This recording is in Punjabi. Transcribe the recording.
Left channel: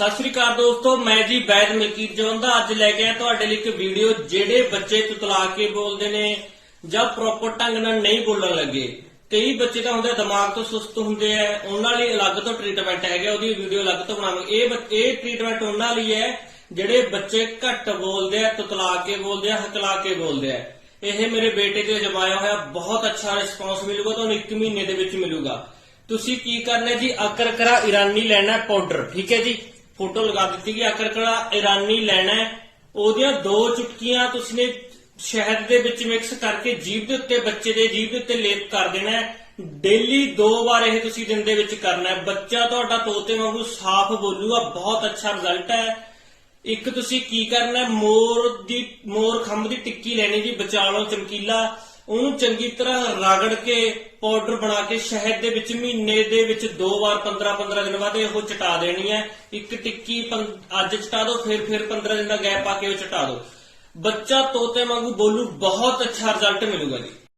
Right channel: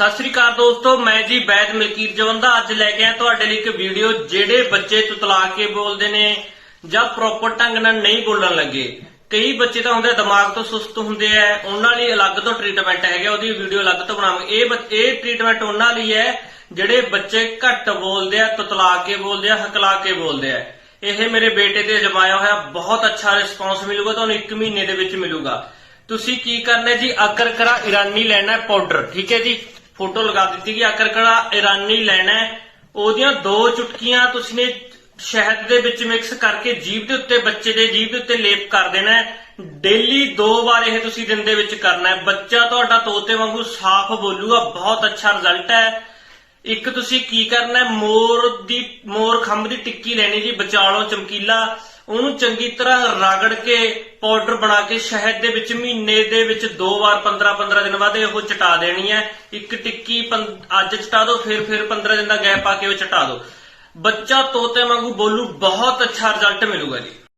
ਸਤਿ ਸ੍ਰੀ ਅਕਾਲ ਦੋਸਤੋ, ਮੈਂ ਜੀ ਬੈਦ ਮਲਕੀਤ ਜਵੰਦਾ। ਅੱਜ ਲੈ ਕੇ ਆਇਆ ਤੁਹਾਡੇ ਲਈ ਇੱਕ ਵੀਡੀਓ, ਜਿਹੜੇ ਬੱਚੇ ਤੁਤਲਾ ਕੇ ਬੋਲਦੇ ਨੇ ਜਾਂ ਪ੍ਰੋਪਰ ਢੰਗ ਨਾਲ ਨਹੀਂ ਬੋਲਣ ਲੱਗੇ। ਕਈ ਬੱਚੇ ਤਾਂ ਹੁੰਦੇ ਦਿਮਾਗ ਤੋਂ ਸੁਸਤ ਹੁੰਦੇ ਆ, ਉਹਨਾਂ ਲਈ ਅਲੱਗ ਤੋਂ ਟ੍ਰੀਟਮੈਂਟ ਹੈਗਾ, ਉਹਦੀ ਵੀਡੀਓ ਅਲੱਗ ਤੋਂ ਬਣਾਵਾਂਗੇ। ਇਹ ਇਹ ਟ੍ਰੀਟਮੈਂਟ ਉਹਨਾਂ ਲਈ ਹੈ, ਜਿਹੜੇ ਬੱਚੇ ਘੱਟ ਬੋਲਦੇ ਆ, ਤੁਤਲਾ ਕੇ ਬੋਲਦੇ ਆ, ਹਕਲਾ ਕੇ ਬੋਲਦੇ ਆ। ਇਹ ਮੇਰੇ ਬੇਟੇ ਤੇ ਅਜਮਾਇਆ ਹੋਇਆ ਬਹੁਤ ਅੱਛਾ ਰਿਸਪੌਂਸ ਮਿਲੂਗਾ, ਤੁਹਾਨੂੰ 1 ਮਹੀਨੇ ਦੇ ਵਿੱਚ ਮਿਲੂਗਾ। ਤੁਸੀਂ ਕੀ ਕਰਨਾ ਹੈ ਜੀ ਅਕਰਕਰਾ ਇਰਾਨੀ ਲੈਣਾ ਹੈ ਪਾਊਡਰ ਠੀਕ ਹੈ ਜੀ? ਫੋਟੋ ਲਗਾ ਦਿੱਤੀ ਕਿ ਅਕਰਕਰਾ ਇਰਾਨੀ ਲੈਣਾ ਉਹਦੀਆਂ ਦੋ ਚੁਟਕੀਆਂ ਤੁਸੀਂ ਨੇ ਸ਼ਹਿਦ ਦੇ ਵਿੱਚ ਮਿਕਸ ਕਰਕੇ ਜੀਭ ਦੇ ਉੱਤੇ ਬੱਚੇ ਦੇ ਜੀਭ ਦੇ ਉੱਤੇ ਲੇਪ ਕਰ ਦੇਣਾ ਡੇਲੀ ਦੋ ਵਾਰ ਇਹ ਤੁਸੀਂ ਦਿਨ ਦੇ ਵਿੱਚ ਕਰਨਾ ਹੈ। ਬੱਚਾ ਤੁਹਾਡਾ ਤੋਤੇ ਵਾਂਗੂ ਸਾਫ਼ ਬੋਲੂਗਾ, ਬਹੁਤ ਅੱਛਾ ਰਿਜ਼ਲਟ ਹੈ। ਇੱਕ ਤੁਸੀਂ ਕੀ ਕਰਨਾ ਹੈ? ਮੋਰ ਦੀ, ਮੋਰ ਖੰਭ ਦੀ ਟਿੱਕੀ ਲੈਣੀ ਜੀ ਵਿਚਾਲੋਂ ਚਮਕੀਲਾ। ਉਹਨੂੰ ਚੰਗੀ ਤਰ੍ਹਾਂ ਰਗੜ ਕੇ ਪਾਊਡਰ ਬਣਾ ਕੇ ਸ਼ਹਿਦ ਦੇ ਵਿੱਚ ਮਹੀਨੇ ਦੇ ਵਿੱਚ ਦੋ ਵਾਰ 15 15 ਦਿਨ ਬਾਅਦ ਉਹ ਚਟਾ ਦੇਣੀ ਹੈ। ਇੱਕ ਟਿੱਕੀ ਅੱਜ ਚਟਾ ਦਿਓ ਫਿਰ ਫਿਰ 15 ਦਿਨ ਦਾ ਗੈਪ ਪਾ ਕੇ ਉਹ ਚਟਾ ਦਿਓ ਬੱਚਾ ਤੋਤੇ ਵਾਂਗੂ ਬੋਲੂ, ਬਹੁਤ ਅੱਛਾ ਰਿਜ਼ਲਟ ਮਿਲੂਗਾ ਜੀ।